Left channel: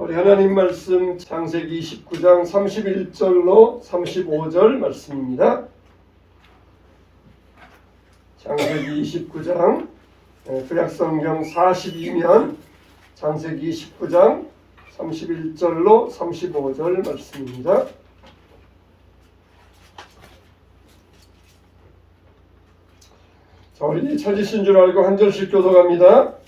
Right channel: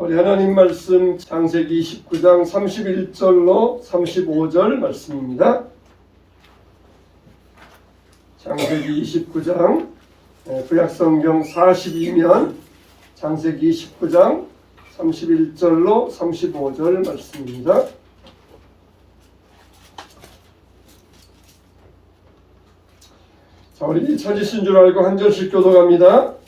우리 하나님 말씀 창세기 29장 31절로 35절 말씀입니다. 창세기 29장 구약성경 42면 창세기 19장 31절로 35절 말씀입니다. 자, 우리 찾으신 줄 알고 한 절씩 교독합니다.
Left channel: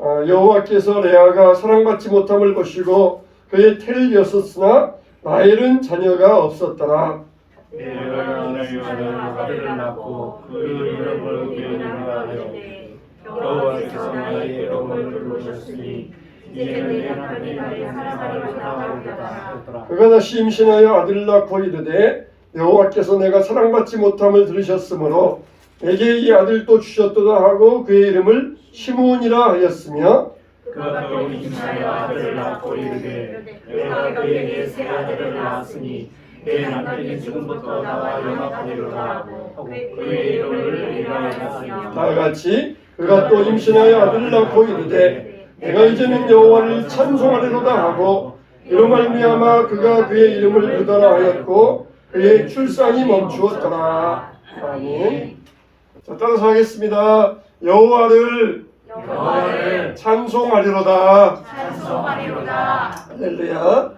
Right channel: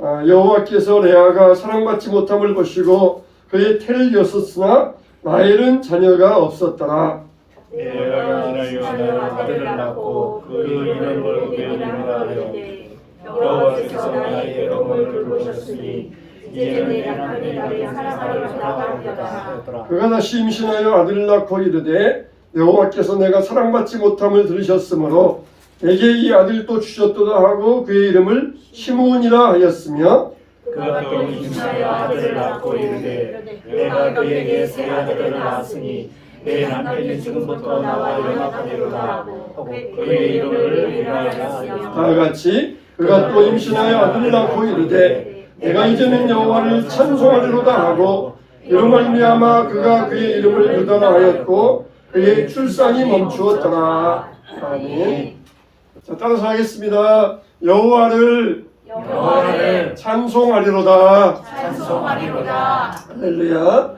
여호와께서 레아가 사랑받지 못함을 보시고 그의 태를 여섰으나 라헬은 자녀가 없었더라. 내가 이를 위하여 아들을 낳고 그 이름을 이름이라 하되 여호와께서 나의 영을 돌보셨으니 이제는 내가 하늘 아래 사랑하리로다 하였더라. 그가 다시 임신하여 아들을 낳고 이르되 여호와께서 내가 사랑받지 못함을 들으셨으므로 내게 이 아들도 주셨도다 하고 그의 이름을 시므온이라 하였으며 그가 또 임신하여 아들을 낳고 이르되 내가 그에게 새 아들을 낳았으니 내 남편이 지금부터 나와 연합하리로다 하고 그의 이름을 이라하였으며 다같이 그가 또 임신하여 아들을 낳고 이르되 내가 이제는 여호와를 찬송하리로다 하고 이로 말미암아 그가 그의 이름을 유다라 하였고 그의 출산이 멈추었더라. 아멘. 자, 따라서 하겠습니다. 여호와를 찬송하리로다. 할렐루야.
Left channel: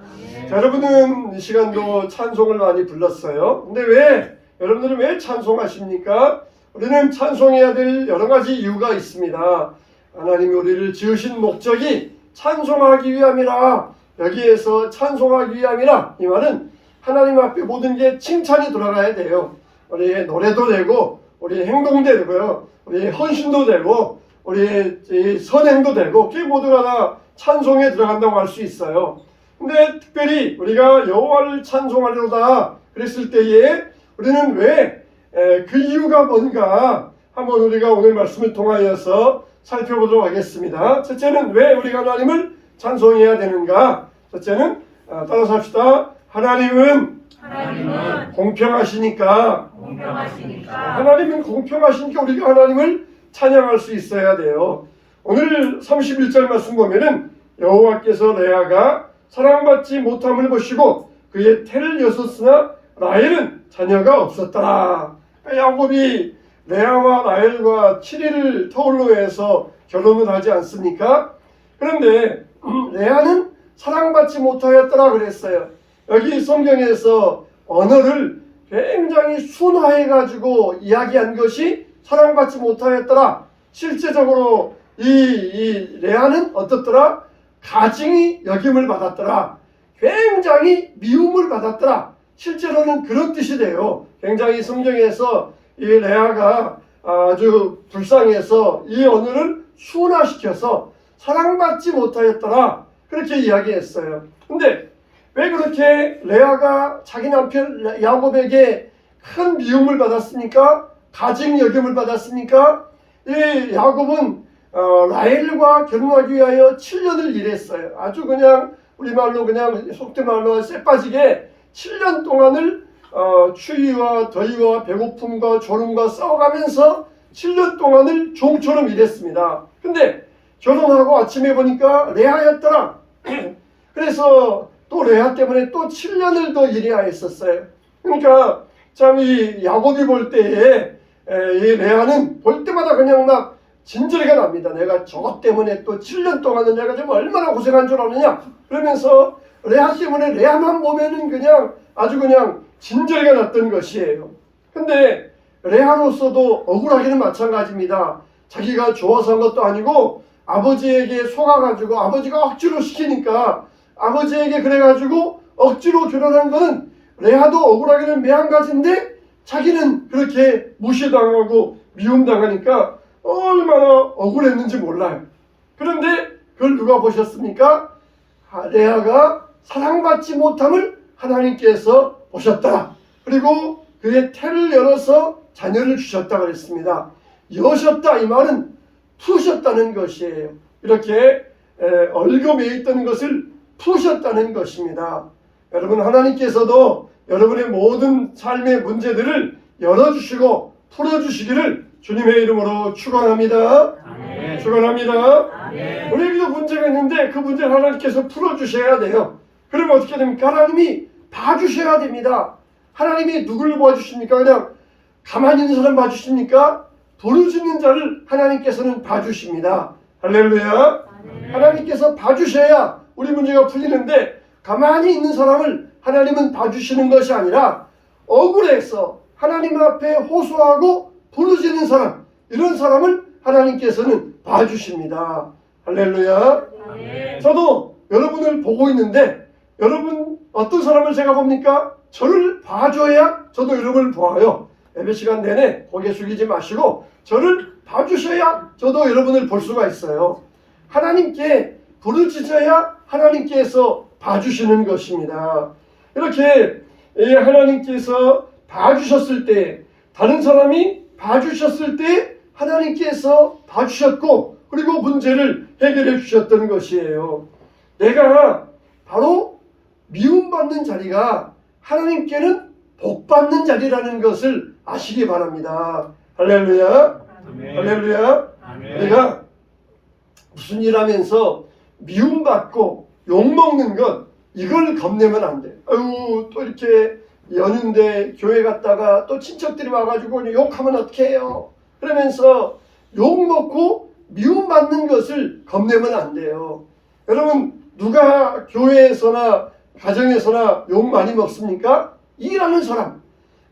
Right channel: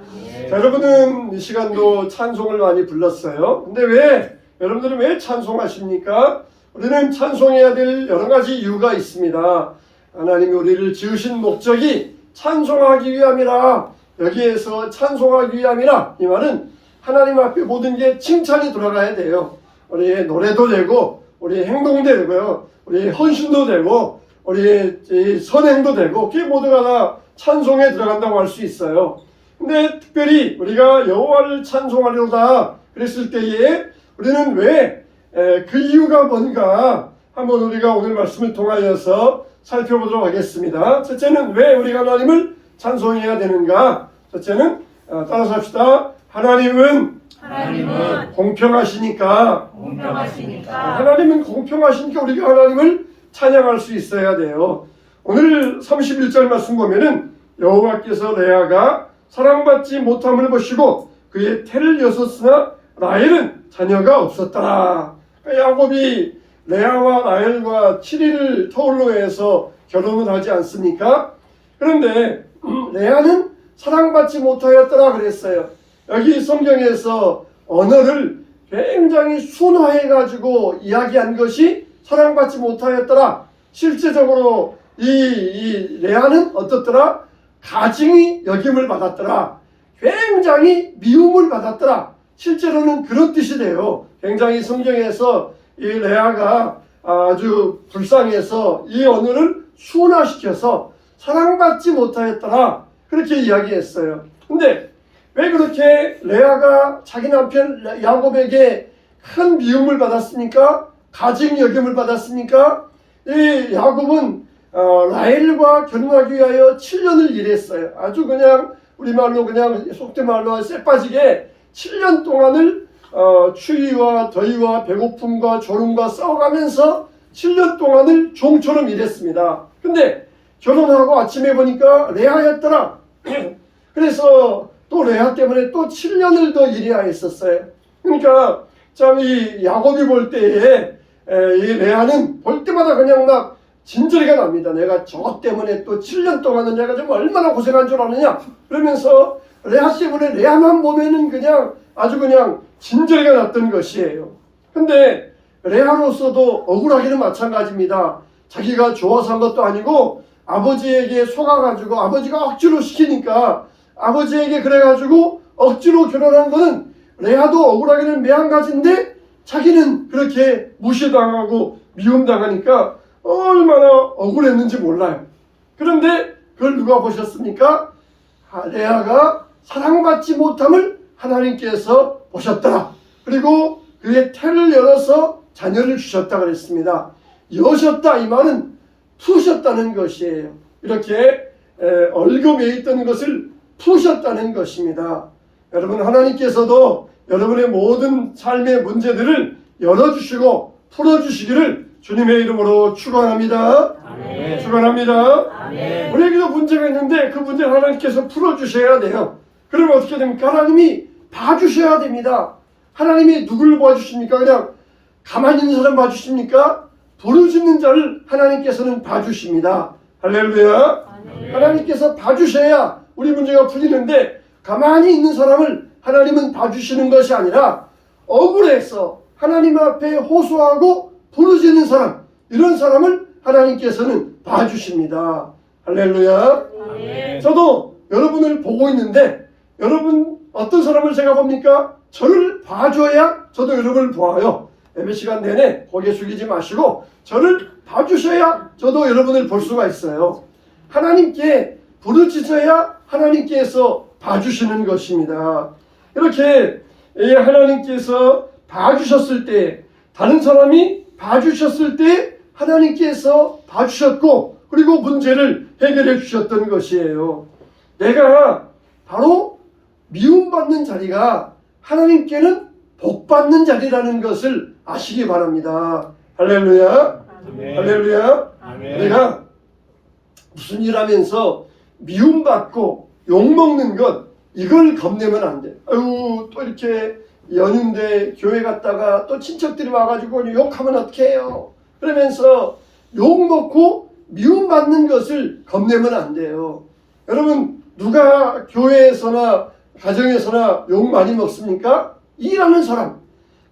자, 여러분은 이 시간도 찬송을 많이 불렀어요. 근데 여러분들은 왜 찬송하십니까? 우리는 찬송해야 될 여러 가지 이유가 있습니다. 하나님이 우리를 지으신 목적이 찬송하기 위함이라. 여기에서 찬송하기 위함이라. 이 말은 하나님 앞에 모든 게 칭찬이 돌아가야 돼요. 우리의 노래도 되고 우리의 행동도 되고요. 우리의 헌신도 되고 우리의 선행도 되고 그게 모두가 다 찬송에 들어간다고 할 수 있어요. 근데 특별히 우리가 여호와를 찬송하려다 그랬을 때에 우리는 왜 그 이유가 뭔가 한번 우리가 오늘 말씀을 통하여서 살펴보도록 하겠습니다. 첫째는 왜 우리가 하나님을 찬송해야 되는가? 첫째는 따라서 합시다. 하나님은 공평하시니까. 하나님은 공평하시니까 우리가 하나님을 찬양할 수 있어야 돼요. 오늘 31절 말씀 보면은 여호와께서 레아가 사랑받지 못함을 보시고 그의 태를 여섰으나 라헬은 자녀가 없었다. 야곱이 레아와 라헬과 7일을 터울로 해서 결혼을 하지 않습니까? 그런데 레아는 사랑받지 못하였더라 그랬어요. 여기 성경에서 언어를 굉장히 순화해 가지고 이야기한 것이 사랑받지 못하였더라. 실제적으로 이 레아는 어떻더라? 가증이 여김을 받았더라. 굉장히 미움을 받았더라. 실제로는 그런 뜻이 돼요. 굉장히 성경에서 이 레아가 아주 불쌍해서 이 언어를 순화시켜서 사랑받지 못하였더라. 그렇게 이야기했어요. 근데 왜 그렇게 레아가 자기 남편 야곱에게 큰 미움을 받았습니까? 가증 여김을 받았습니까? 이 야곱은 라헬과 결혼하기 위하여 7년을 일했어요. 아주 그냥 우리말로 그냥 속된 말로 쎄빠지게 7년 동안을 추위와 더위와 배고픔과 졸음과 싸워가면서 7년 동안을 종처럼 일했습니다. 근데 결혼하고 아침에 보니까 레아였더라. 그래서 또 레아 때문에 또 7년을 더 일해야 했었어요. 그러니까 참 이 야곱이 볼 때에 이 레아는 볼 때마다 그냥 막 진저리가 납니다. 내가 저 때문에 또 7년 동안은 내가 좀 얼마나 고생한 줄 아느냐. 그러면서 레아 때문에 레아만 보면은 그냥 아주 그냥 진저리가 났던 것이에요. 근데 레아로서도 억울하기는 마찬가지입니다. 자기가 좋아서 한 것도 아니고 아버지에게 속아가지고 아버지가 억지로 시키니까 아버지에게 그래가지고 억지로 결혼한 거는 레아도 억울하기는 매한가지인데 자기는 그렇게 무시당하고 미움당하니까 얼마나 억울했는지 몰라요. 그런데 그걸 누가 보셨습니까? 레아가 사랑받지 못함을 하나님께서 보셨다. 그리고 그의 태를 열어서 자녀를 주셨다 그랬습니다. 여셨다 이 말은 푸셨다는 것이에요. 이렇게 얽어매 있던 것을 푸셨다는 것입니다. 여러분 하나님께서도 여러분의 모든 삶의 문제들을 열어주시고 풀어주시기를 주님의 이름으로 축원합니다. 축원합니다. 아멘. 우리에게도 문제가 있는데 그 문제를 하나님께서 풀어주셔야 돼요. 그러면 어떻게 됩니까? 하나님이 봐주셔야 됩니다. 하나님이 누구를 봐주십니까? 그냥 가만히 있는 사람 봐주십니까? 부르짖는 자를 하나님께서는 봐주십니다. 할렐루야. 하나님께서 봐주셔야 우리 문제가 풀리는데 가만히 있는 사람을 하나님은 봐주시는 것이 아니라 억울해서 하나님 앞에 호소하고 부르짖는 사람, 이런 사람을 하나님께서는 봐주십니다. 할렐루야. 저도 여러분을 보고 있는데 여러분 어떤 사람을 제가 봅니까? 저를 봐줘야 저도 여러분을 보아요. 예배 시간 내내 고개 숙이지 마시고 저를 봐주셔야 저도 여러분을 볼 수가 있어요. 하나님께 부르짖어야 하나님께서 봐주시는 것입니다. 이렇게 하나님께서 봐주셨을 때, 다른 사람이 봐주셨을 때 하나님께서 봐주셨고 그리고 문제를 해결해 주셨던 것이에요. 내가 바로 미움받는 자리가 하나님께는 복받는 자리라는 것을 아시기 바랍니다. 할렐루야. 할렐루야. 내가 무슨 일 하면서 미움받고 욕먹는 것, 이걸 겁내면 안 돼. 아유, 또 이렇게 연휴인데 교회 갔다가 또 친척들이 와가지고 욕하면 어떡해 해요. 그러면서 욕먹고 미움받는 것을 겁내면 안 돼요. 여러분, 누가 교회에서나 가정에서나 욕 많이 먹습니까? 일하는 사람.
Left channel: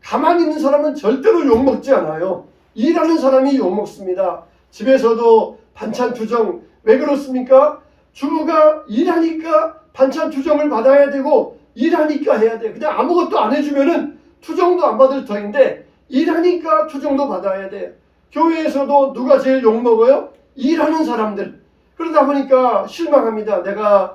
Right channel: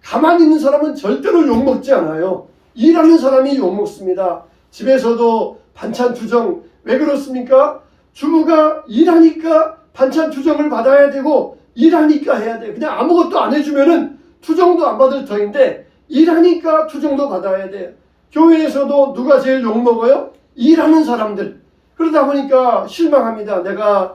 가만히 있는 사람은 절대로 욕 먹지 않아요. 일하는 사람이 욕 먹습니다. 집에서도 반찬 투정. 왜 그렇습니까? 주부가 일하니까 반찬 투정을 받아야 되고 일하니까 해야 돼요. 그냥 아무것도 안 해주면은 투정도 안 받을 터인데 일하니까 투정도 받아야 돼요. 교회에서도 누가 제일 욕 먹어요? 일하는 사람들. 그러다 보니까 실망합니다. 내가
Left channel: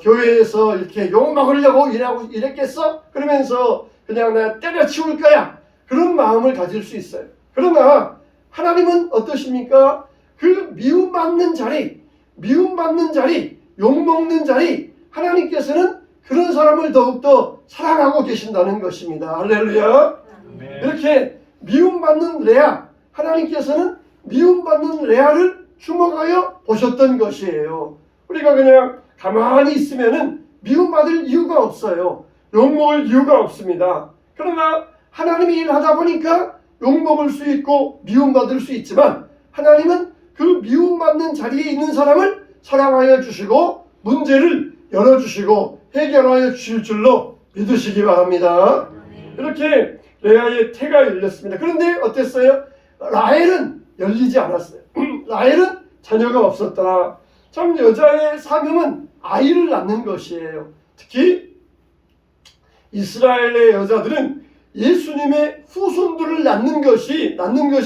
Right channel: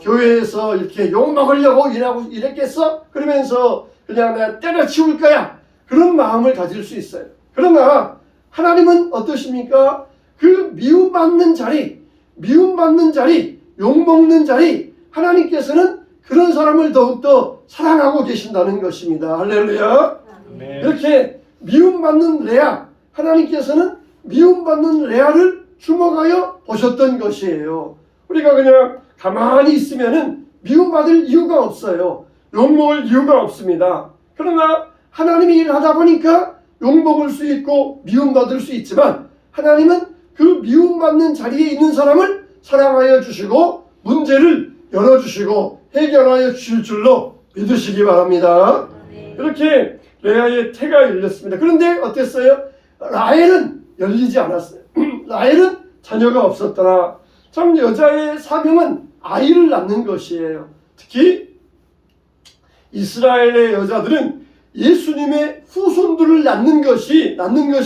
교회에서 이렇게 욕 먹으려고 일했겠어? 그러면서 그냥 내가 때려치울 거야. 그런 마음을 가질 수 있어요. 그러나 하나님은 어떠십니까? 그 미움받는 자리, 욕먹는 자리, 하나님께서는 그런 사람을 더욱더 사랑하고 계신다는 것입니다. 할렐루야. 이렇게 미움받는 레아, 하나님께서는 미움받는 레아를 주목하여 보셨던 것이에요. 우리가 그냥 가만히 있으면은 미움받을 이유가 없어요. 욕먹을 이유가 없습니다. 그러나 하나님이 일하다 보니까 욕먹을 수 있고 미움받을 수 있지만 하나님은 그 미움받는 자리에 있는 사람을 사랑하여 주시고 문제를 열어주시고 해결하여 주실 줄로 믿으시기 바랍니다. 이렇게 레아의 태가 열렸습니다. 그런데 어땠어요? 라헬은 열리지 않았어요. 라헬은 자녀가 없었더라. 참 여자의 사명은 아이를 낳는 것이에요. 특히 이스라엘의 여자들은 예수님의 후손들을 낳는 것이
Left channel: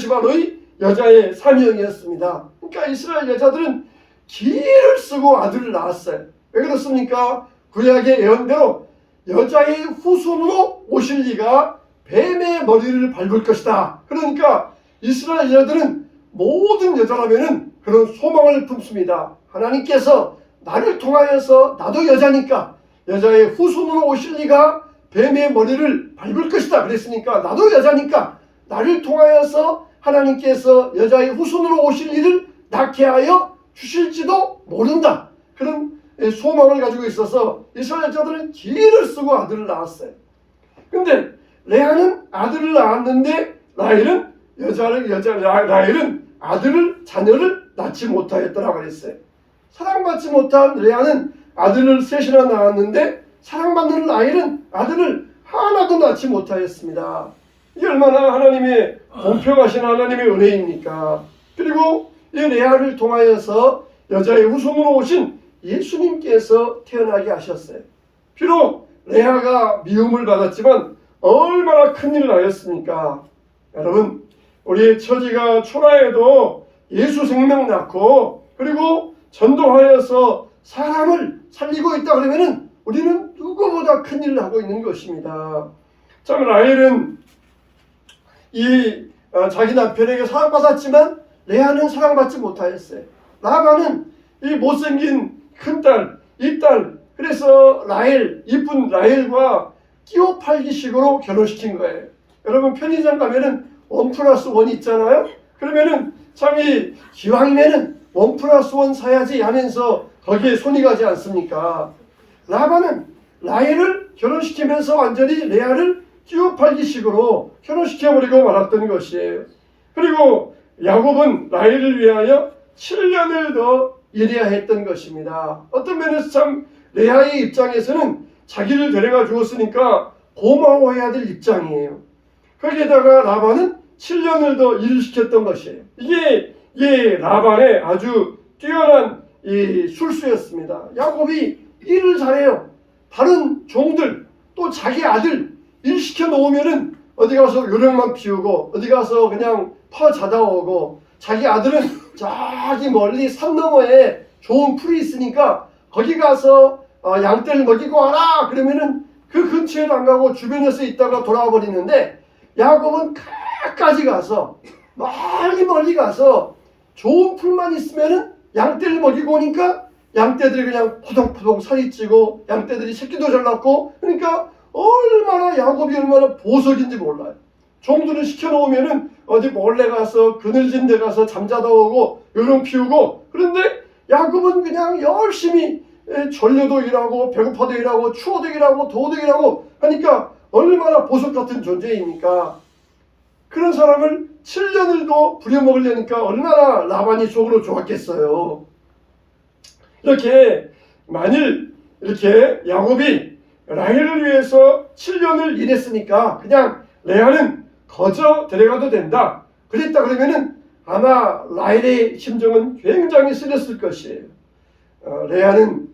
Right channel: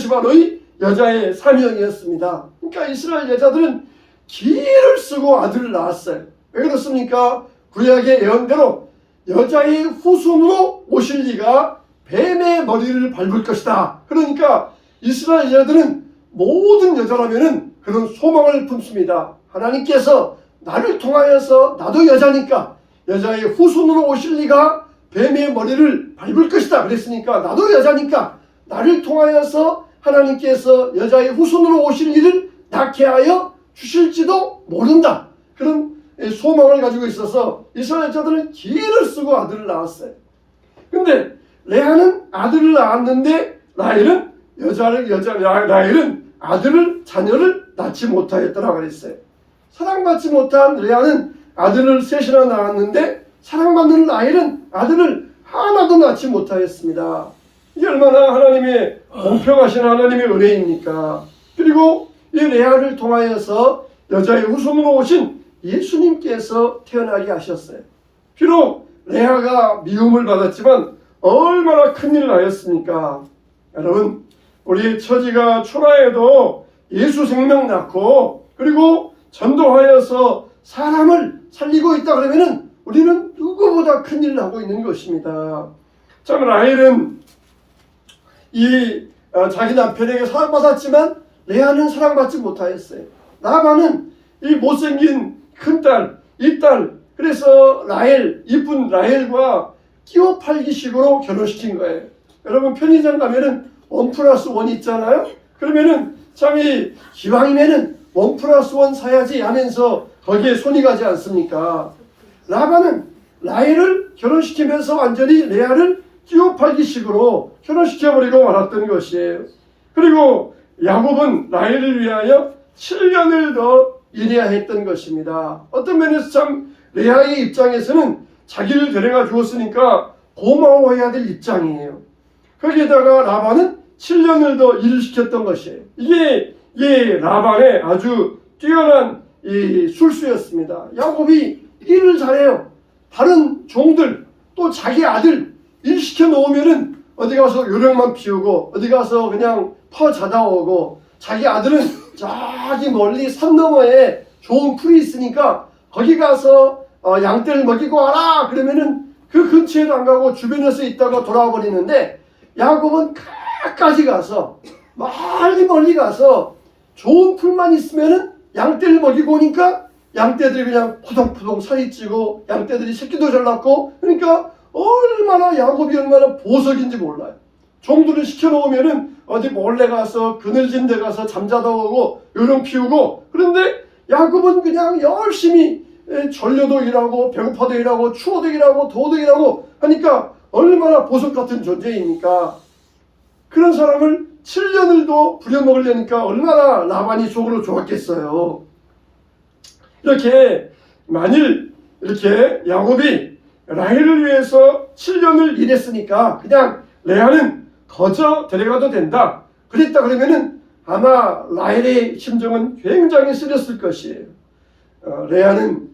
바로 이 여자의 사명이었습니다. 그러니까 이스라엘 여자들은 기를 쓰고 아들을 낳았어요. 왜 그렇습니까? 구약의 예언대로 여자의 후손으로 오실 이가 뱀의 머리를 밟을 것이다. 그러니까 이스라엘 여자들은 모든 여자라면은 그런 소망을 품습니다. 하나님께서 나를 통하여서 나도 여자니까 여자의 후손으로 오실 이가 뱀의 머리를 밟을 것이다. 그랬으니까 나도 여자니까 나를 통하여서 하나님께서 여자의 후손으로 오실 일을 낳게 하여 주실지도 모른다. 그런 소망을 가지고 있어서 이스라엘 여자들은 기를 쓰고 아들을 낳았어요. 근데 레아는 아들을 낳았는데 라헬은 자녀를 낳지 못하였더라 그랬어요. 사랑받지 못한 레아는 아들을 셋이나 낳았는데 사랑받는 라헬은 아들을 하나도 낳지 못하였습니다. 이게 얼마나 하나님의 공평하신 하나님의 은혜입니까? 그리고 이 레아를 통하여서 여자의 후손으로 오신 예수님께서 태어나게 하셨어요. 비록 레아가 미움을 받았지만 얼마나 큰일을 하였습니까? 여러분, 우리의 처지가 초라해도 예수 생명 낳고 그리고 전도하여서 사람을 살리고 있다 그러면은 우리는 누구보다 큰일을 하고 있는 것입니다. 참 라헬은 자기 남편에게 사랑받았지만 레아는 사랑받지 못하였어요. 라반은 이 못생긴 큰딸, 이 딸, 그래서 이쁜 라헬과 끼워 팔기식으로 결혼시킨 거예요. 여러분 편의점 가면은 1+1 있잖아요. 그러면은 참이 기왕이면은 1+1 사야지 하면서 거기에 손이 가지 않습니까? 라반은 라헬을 결혼시키면서 완전히 레아를 끼워팔기식으로 결혼시켜버리고 말았던 것이에요. 그리고 야곱은 라헬을 위하여 7년을 더 일해야 했던 것입니다. 어떤 면에서 참 레아의 입장에서는 자기를 데려가 주었으니까 고마워해야 될 입장이에요. 거기에다가 라반은 7년을 더 일을 시켰던 것이에요. 이게 라반의 아주 뛰어난 이 술수였습니다. 야곱이 일을 잘해요. 다른 종들 또 자기 아들 일 시켜 놓으면은 어디 가서 요령만 피우고 어디 가서 그냥 퍼 자다 오고, 자기 아들은 저기 멀리 산 너머에 좋은 풀이 있으니까 거기 가서 양떼를 먹이고 와라 그러면은 그 근처에도 안 가고 주변에서 있다가 돌아와 버리는데, 야곱은 가까이 가서 멀리 가서 좋은 풀만 있으면은 양떼를 먹이고 오니까 양떼들이 그냥 푸동푸동 살이 찌고 양떼들이 새끼도 잘 낳고, 그러니까 얼마나 야곱이 얼마나 보석인지 몰라요. 종들을 시켜놓으면은 어디 몰래 가서 그늘진 데 가서 잠자다 오고 요령 피우고, 그런데 야곱은 그냥 열심히 졸려도 일하고 배고파도 일하고 추워도 일하고 더워도 일하고 하니까 얼마나 보석 같은 존재입니까? 그런 사람을 7년을 더 부려먹으려니까 얼마나 라반이 속으로 좋았겠어요. 이렇게 만일 이렇게 야곱이 라헬을 위해서 7년을 일했으니까 그냥 레아는 거저 데려가도 된다 그랬다 그러면은 아마 라헬의 심정은 굉장히 쓰렸을 것이에요. 레아는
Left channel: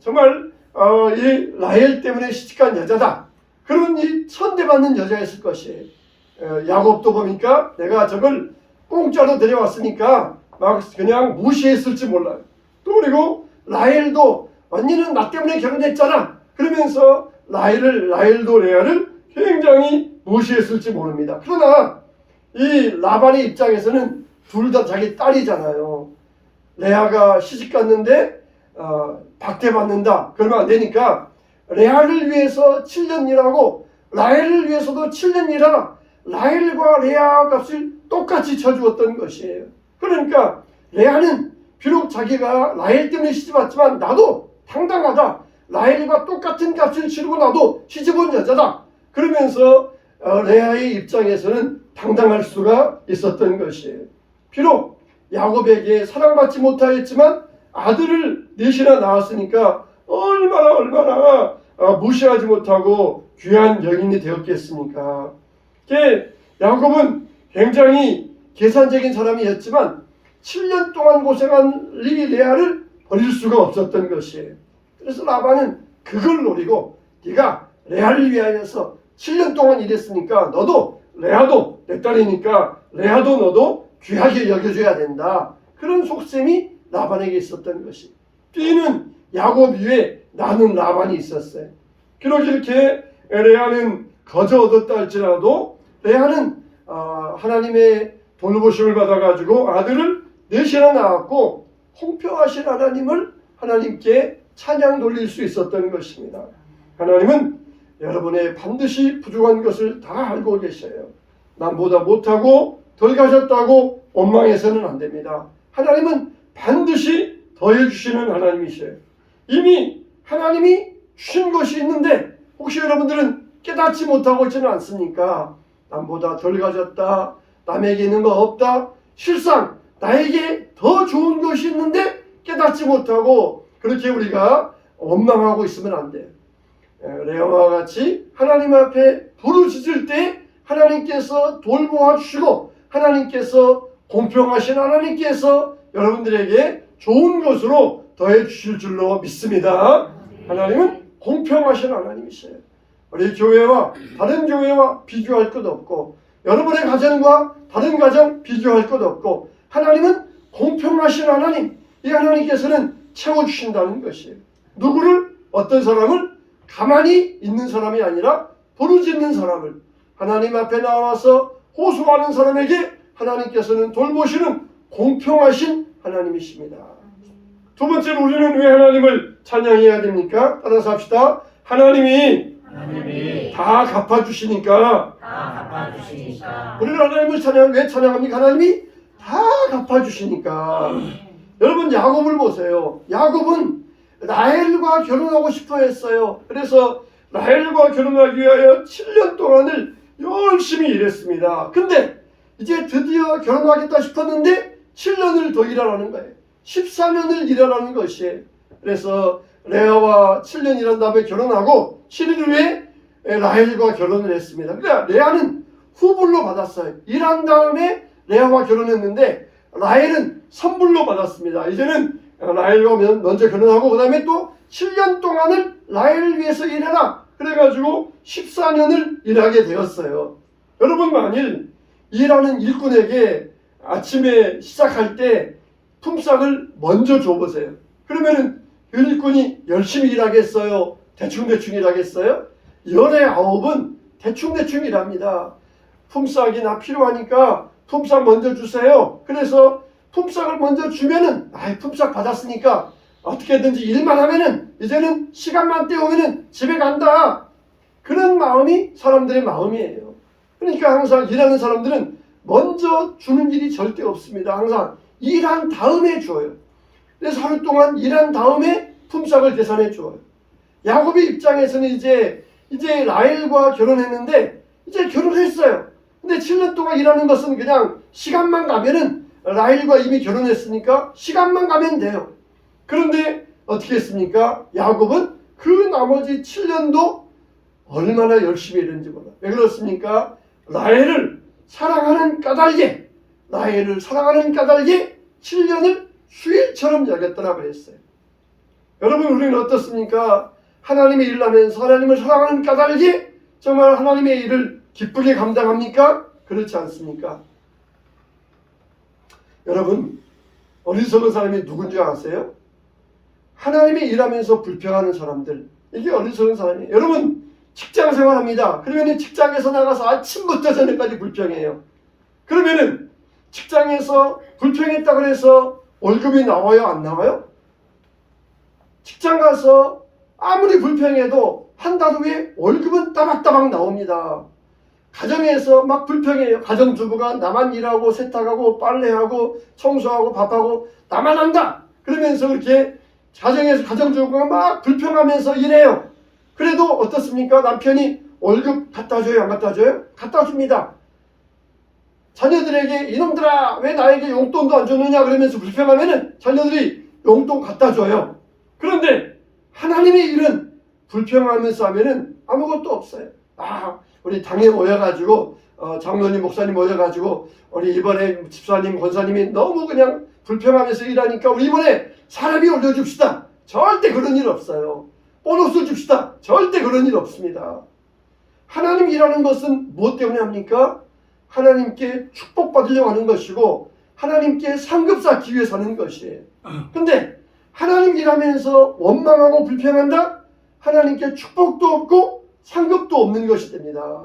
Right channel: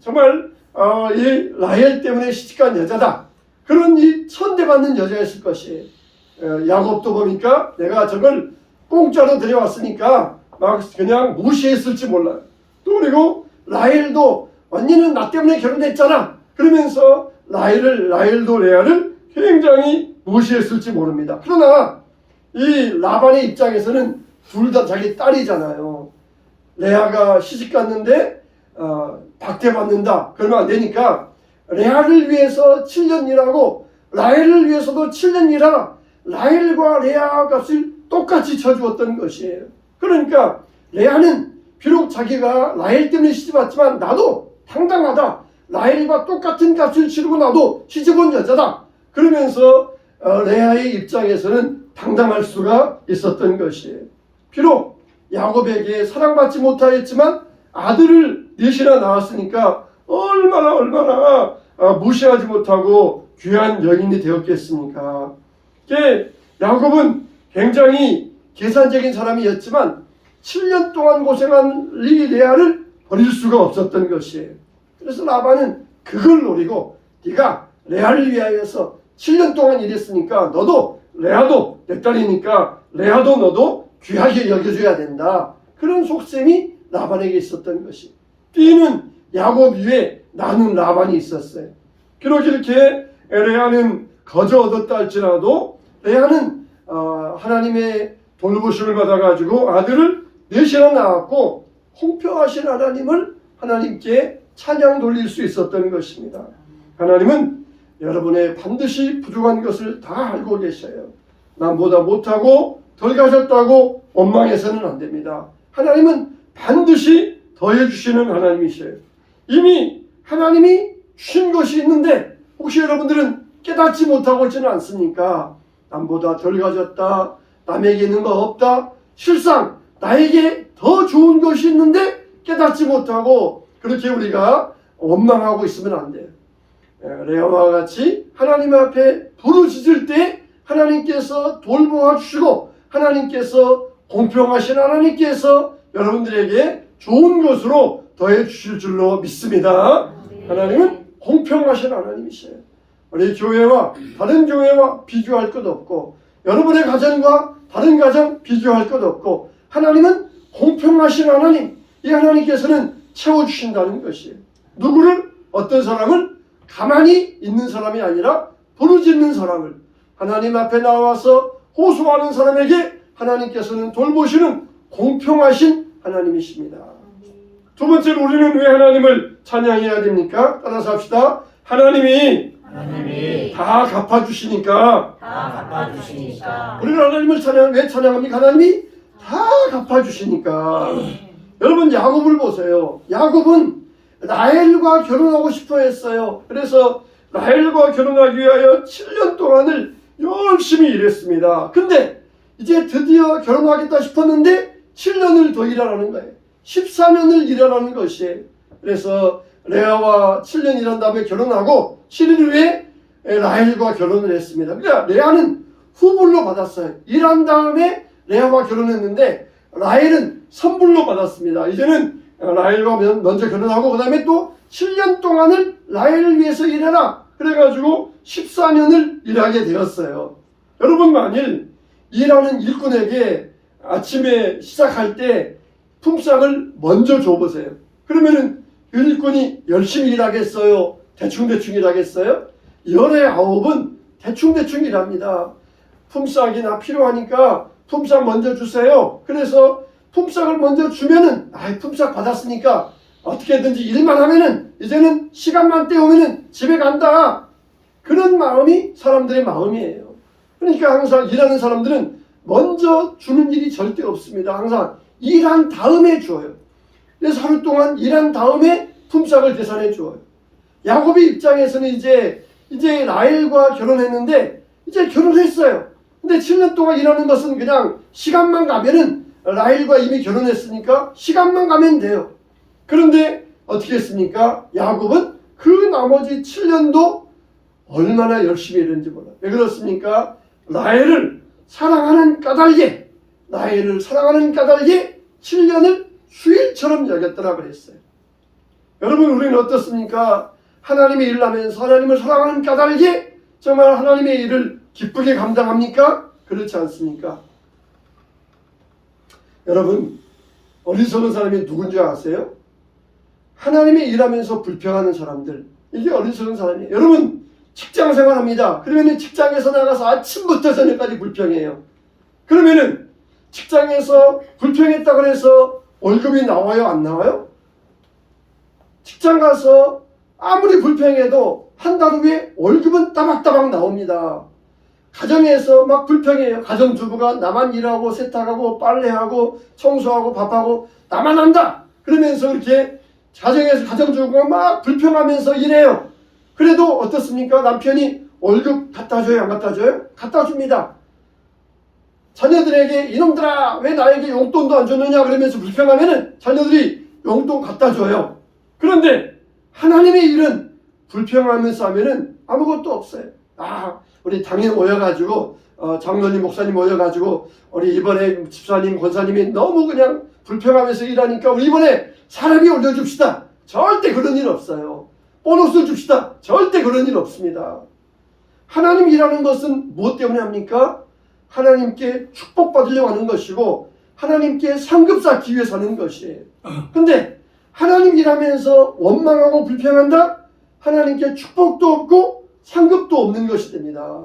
정말 이 라헬 때문에 시집간 여자다, 그런 이 천대받는 여자였을 것이에요. 야곱도 보니까 내가 저걸 공짜로 데려왔으니까 막 그냥 무시했을지 몰라요. 또 그리고 라헬도 언니는 나 때문에 결혼했잖아 그러면서 라헬도 레아를 굉장히 무시했을지 모릅니다. 그러나 이 라반의 입장에서는 둘 다 자기 딸이잖아요. 레아가 시집 갔는데 박대받는다 그러면 안 되니까 레아를 위해서 7년 일하고 라헬을 위해서도 7년 일하라, 라헬과 레아 값을 똑같이 쳐주었던 것이에요. 그러니까 레아는 비록 자기가 라헬 때문에 시집 왔지만 나도 당당하다, 라헬과 똑같은 값을 치르고 나도 시집 온 여자다 그러면서 레아의 입장에서는 당당할 수가 있었던 것이에요. 비록 야곱에게 사랑받지 못하였지만 아들을 넷이나 낳았으니까 얼마나 무시하지 못하고 귀한 여인이 되었겠습니까? 야곱은 굉장히 계산적인 사람이었지만 7년 동안 고생한 레아를 버릴 수가 없었던 것이에요. 그래서 라반은 그걸 노리고 네가 레아를 위하여서 7년 동안 일했으니까 너도, 레아도 내 딸이니까 레아도 너도 귀하게 여겨줘야 된다, 그런 속셈이 라반에게 있었던 것이. 뛰는 야곱 위에 나는 라반이 있었어요. 비록 이렇게 레아는 거저 얻었다 할지라도 레아는 하나님의 돌보심을 받아가지고 아들을 넷이나 낳았고 공평하신 하나님을 하나님께 찬양 돌릴 수 있었던 것입니다. 하나님은 여러분의 반드시 부족한 것을 다 알고 계셔요. 남보다 못하고 덜 가졌다고 원망해서는 안 됩니다. 하나님은 반드시 더해주시는 하나님이셔요. 이미 하나님이 주신 것이 있는데 혹시 여러분들은 깨닫지 못하고 있지는 않습니까? 남보다 덜 가졌다, 남에게 있는 거 없다, 실상 나에게 더 좋은 것이 있는데 깨닫지 못하고 그렇게 우리가 원망하고 있으면 안 돼요. 레아와 같이 하나님 앞에 부르짖을 때 하나님께서 돌보아 주시고 하나님께서 공평하신 하나님께서 여러분들에게 좋은 것으로 더해 주실 줄로 믿습니다. 하나님은 공평하신 하나님이세요. 우리 교회와 다른 교회와 비교할 것 없고 여러분의 가정과 다른 가정 비교할 것 없고 하나님은 공평하신 하나님, 이 하나님께서는 채워주신다는 것이에요. 누구를, 어떤 사람을 가만히 있는 사람이 아니라 부르짖는 사람을 하나님 앞에 나와서 호소하는 사람에게 하나님께서는 돌보시는 공평하신 하나님이십니다. 두 번째로 우리는 왜 하나님을 찬양해야 됩니까? 따라서 합시다. 하나님이 다 갚아주시니까 갚아주시니까. 우리는 하나님을 왜 찬양합니까? 하나님이 다 갚아주시니까. 여러분 야곱을 보세요. 야곱은 라헬과 결혼하고 싶어 했어요. 그래서 라헬과 결혼하기 위하여 7년 동안을 열심히 일했습니다. 근데 이제 드디어 결혼하겠다 싶었는데 7년을 더 일하라는 거예요. 14년을 일하라는 것이에요. 그래서 레아와 7년 일한 다음에 결혼하고 7일 후에 라헬과 결혼을 했습니다. 그러니까 레아는 후불로 받았어요. 일한 다음에 레아와 결혼했는데 라헬은 선불로 받았습니다. 이제는 라헬과 먼저 결혼하고 그 다음에 또 7년 동안을 라헬을 위해서 일해라. 그래가지고 14년을 일하게 되었어요. 여러분 만일 일하는 일꾼에게 아침에 시작할 때 품삯을 먼저 줘보세요. 그러면은 그 일꾼이 열심히 일하겠어요? 대충대충 일하겠어요? 열의 9은 대충대충 일합니다. 품삯이 필요하니까 품삯 먼저 주세요. 그래서 품삯을 먼저 주면은 품삯 받았으니까 어떻게든지 일만 하면은 이제는 시간만 때우면은 집에 간다. 그런 마음이 사람들의 마음이에요. 그러니까 항상 일하는 사람들은 먼저 주는 일이 절대 없습니다. 항상 일한 다음에 줘요. 그래서 하루 동안 일한 다음에 품삯을 계산해 줘요. 야곱의 입장에서는 이제 라헬과 결혼했는데 이제 결혼했어요. 근데 7년 동안 일하는 것은 그냥 시간만 가면은 라헬과 이미 결혼했으니까 시간만 가면 돼요. 그런데 어떻게 했습니까? 야곱은 그 나머지 7년도 얼마나 열심히 일했는지 몰라요. 왜 그렇습니까? 라헬을 사랑하는 까닭에 7년을 수일처럼 여겼더라 그랬어요. 여러분 우리는 어떻습니까? 하나님의 일을 하면서 하나님을 사랑하는 까닭에 정말 하나님의 일을 기쁘게 감당합니까? 그렇지 않습니까? 여러분 어리석은 사람이 누군지 아세요? 하나님의 일하면서 불평하는 사람들, 이게 어리석은 사람이에요. 여러분 직장생활 합니다. 그러면 직장에서 나가서 아침부터 저녁까지 불평해요. 그러면은 직장에서 불평했다 그래서 월급이 나와요? 안 나와요? 직장 가서 아무리 불평해도 한 달 후에 월급은 따박따박 나옵니다. 가정에서 막 불평해요. 가정주부가 나만 일하고 세탁하고 빨래하고 청소하고 밥하고 나만 한다. 그러면서 그렇게 가정에서 가정주부가 막 불평하면서 일해요. 그래도 어떻습니까? 남편이 월급 갖다 줘요? 안 갖다 줘요? 갖다 줍니다. 자녀들에게 이놈들아 왜 나에게 용돈도 안 주느냐 그러면서 불평하면은 자녀들이 용돈 갖다 줘요. 그런데 하나님의 일은 불평하면서 하면은 아무것도 없어요. 우리 당에 모여가지고 장로님 목사님 모여가지고 우리 이번에 집사님 권사님이 너무 그냥 불평하면서 일하니까 우리 이번에 사람이 올려줍시다. 절대 그런 일 없어요. 보너스 줍시다. 절대 그런 일 없습니다. 하나님 일하는 것은 무엇 때문에 합니까? 하나님께 축복받으려고 하는 것이고 하나님께 상급 쌓기 위해서 하는 것이에요. 근데 하나님 일하면서 원망하고 불평한다? 하나님께 축복도 없고 상급도 없는 것이 됩니다.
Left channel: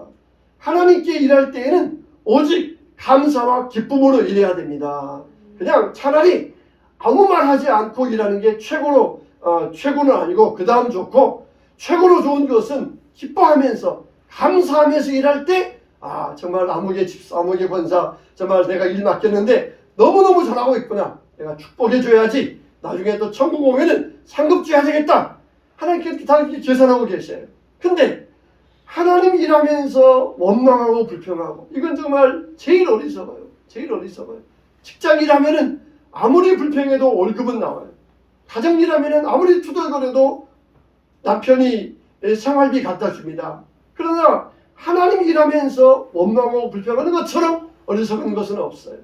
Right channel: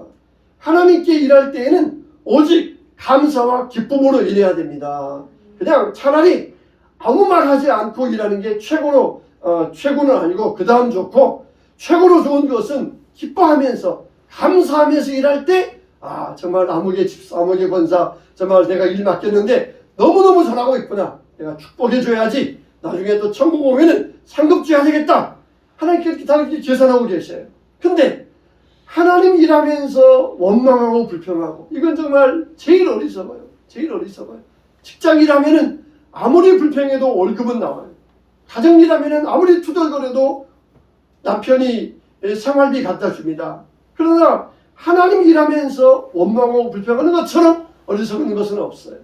하나님께 일할 때에는 오직 감사와 기쁨으로 일해야 됩니다. 그냥 차라리 아무 말 하지 않고 일하는 게 최고는 아니고 그 다음 좋고, 최고로 좋은 것은 기뻐하면서 감사하면서 일할 때 정말 아무개 집사 아무개 권사 정말 내가 일 맡겼는데 너무너무 잘하고 있구나. 내가 축복해 줘야지. 나중에 또 천국 오면은 상급 줘야 되겠다. 하나님께 다 이렇게 계산하고 계셔요. 근데 하나님 일하면서 원망하고 불평하고, 이건 정말 제일 어리석어요. 제일 어리석어요. 직장 일하면은 아무리 불평해도 월급은 나와요. 가정 일하면은 아무리 투덜거려도 남편이 생활비 갖다 줍니다. 그러나 하나님 일하면서 원망하고 불평하는 것처럼 어리석은 것은 없어요.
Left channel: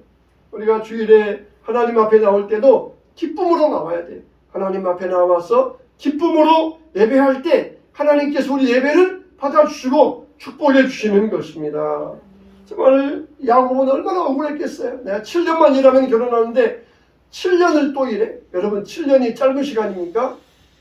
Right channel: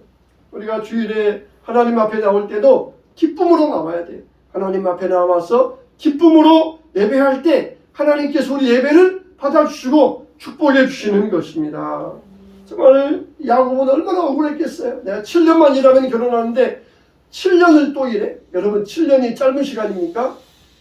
우리가 주일에 하나님 앞에 나올 때도 기쁨으로 나와야 돼요. 하나님 앞에 나와서 기쁨으로 예배할 때 하나님께서 우리 예배를 받아주시고 축복해 주시는 것입니다. 정말 야곱은 얼마나 억울했겠어요. 내가 7년만 일하면 결혼하는데 7년을 또 일해. 여러분 7년이 짧은 시간입니까?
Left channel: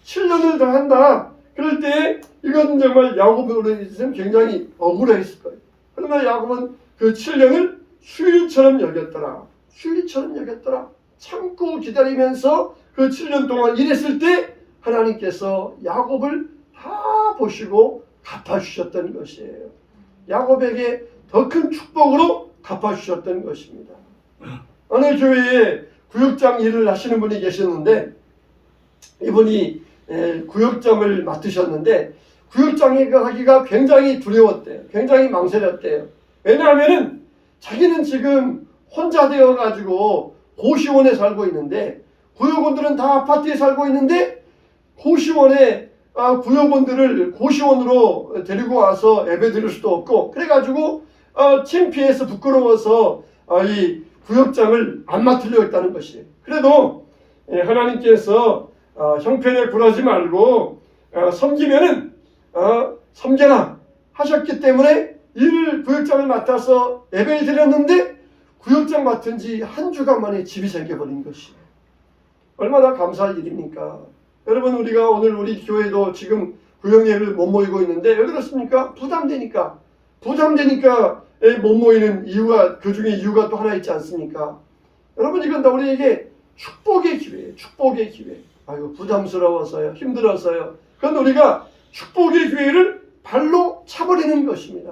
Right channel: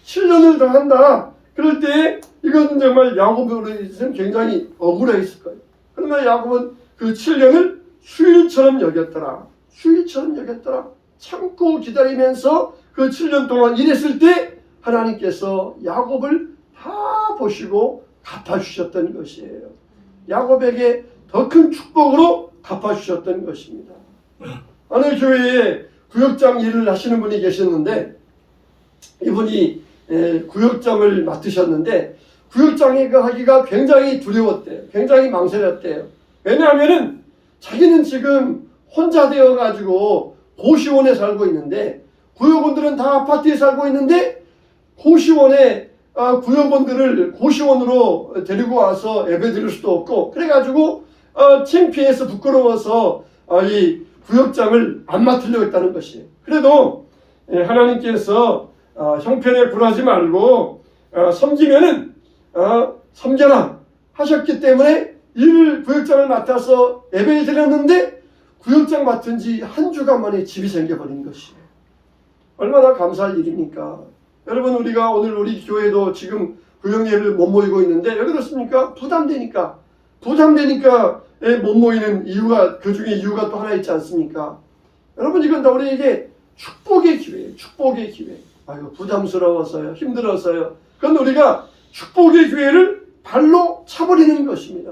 7년을 더 한다. 그럴 때 이건 정말 야곱으로서는 굉장히 억울했을 거예요. 그러나 야곱은 그 7년을 수일처럼 여겼더라. 수일처럼 여겼더라. 참고 기다리면서 그 7년 동안 일했을 때 하나님께서 야곱을 다 보시고 갚아주셨던 것이에요. 야곱에게 더 더 큰 축복으로 갚아주셨던 것입니다. 어느 교회에 구역장 일을 하시는 분이 계셨는데 이분이 구역장을 맡으셨는데 구역장이 하기가 굉장히 두려웠대요. 굉장히 망설였대요. 왜냐하면은 자기는 지금 혼자 되어가지고 고시원에 살고 있는데 구역원들은 다 아파트에 살고 있는데 고시원에 구역원들을 고시원으로 데리고 와서 예배 드릴 수도 없고 그래가지고 창피해서 부끄러워서 이 구역장을 안 맡으려고 했다는 것이에요. 그래도 하나님께서 형편에 굴하지 말고 섬기면은 섬겨라 하셨기 때문에 구역장을 맡아서 예배를 드렸는데 구역장 맡은 지 한 주간 만에 집이 생겨버린 것이에요. 얼마나 감사할 일입니까? 여러분 우리가 오늘 우리 교회도 지금 구역 예배를 못 모이고 있는데 왜 그렇습니까? 부담되니까 못 모이는 이유가 그 중에 이유가 또 하나 있지 않습니까? 여러분 이건 다 우리에게 축복의 기회예요. 축복의 기회. 아이고 부담스러워서요. 힘들어서요. 그건 우리가 축복의 기회를 발로 차버리는 것입니다.